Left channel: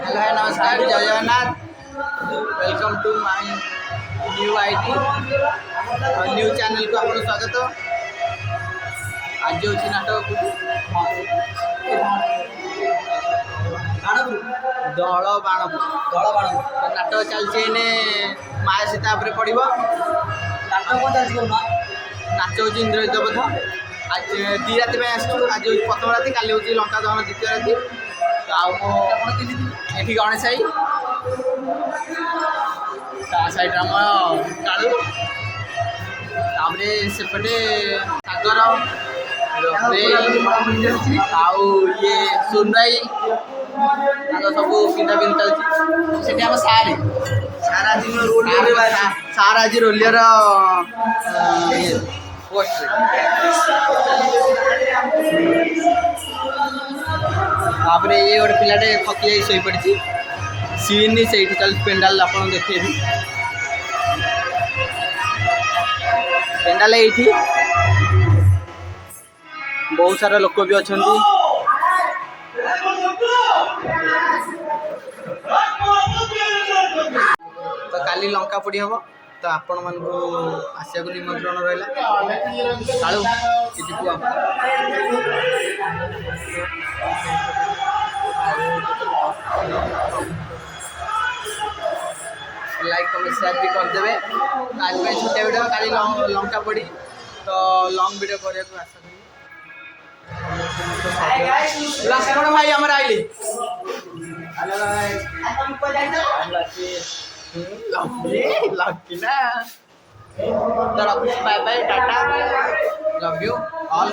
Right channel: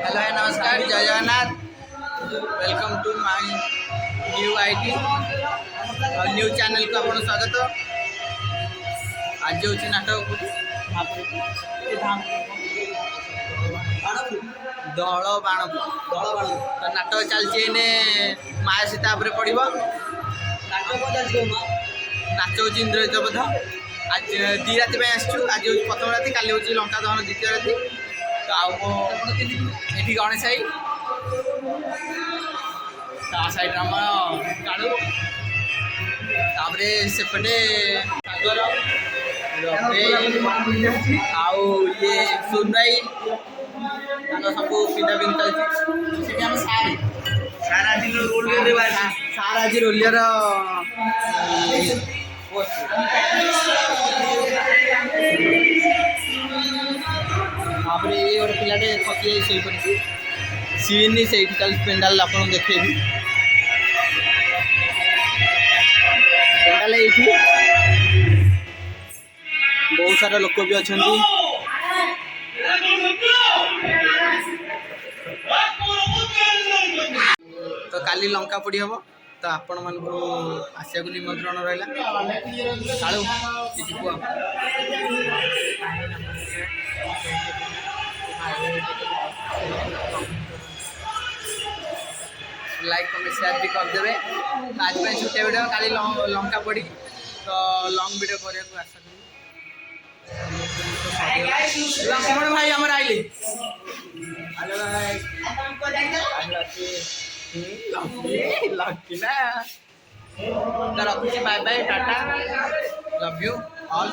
Hello नमस्कार जय Jagannath welcome to my new ID new channel को आपको स्वागत। आज हूँ नाटक दल बाण नाटक चलती माया सीता पड़ो नाच हूँ इंद्रजित बध आज 2 राति आसचु। आज हूँ प्रथम राति काली हूँ लंका दहन द्वितीय राति। तो ये गणेश आई साइड आम कालू सेपटे सागर आउ ये सोनराई सब पिंधा पिंध चलती आम सारे सारा दिन सारा आज रोलियर पोस्ट तापर ये गोटे पिलाटे थकी जाई शोई पड़ी सीन से चल पेंडाल आप देखेबी पेंडाल ये बहुत सारा लोक भी अच्छा तो काली लंका पड़ी हम तो आपण मान आसिया को निमंत्रण रहा कालू किसी को लाइक कमेंट शेयर भी करदे। आज छोटे वीडियो काली लंका पड़ी तो लंग वीडियो करने को आशा करी भाई हमारे आइली लकी ना तो रखुची bye bye tata love you all.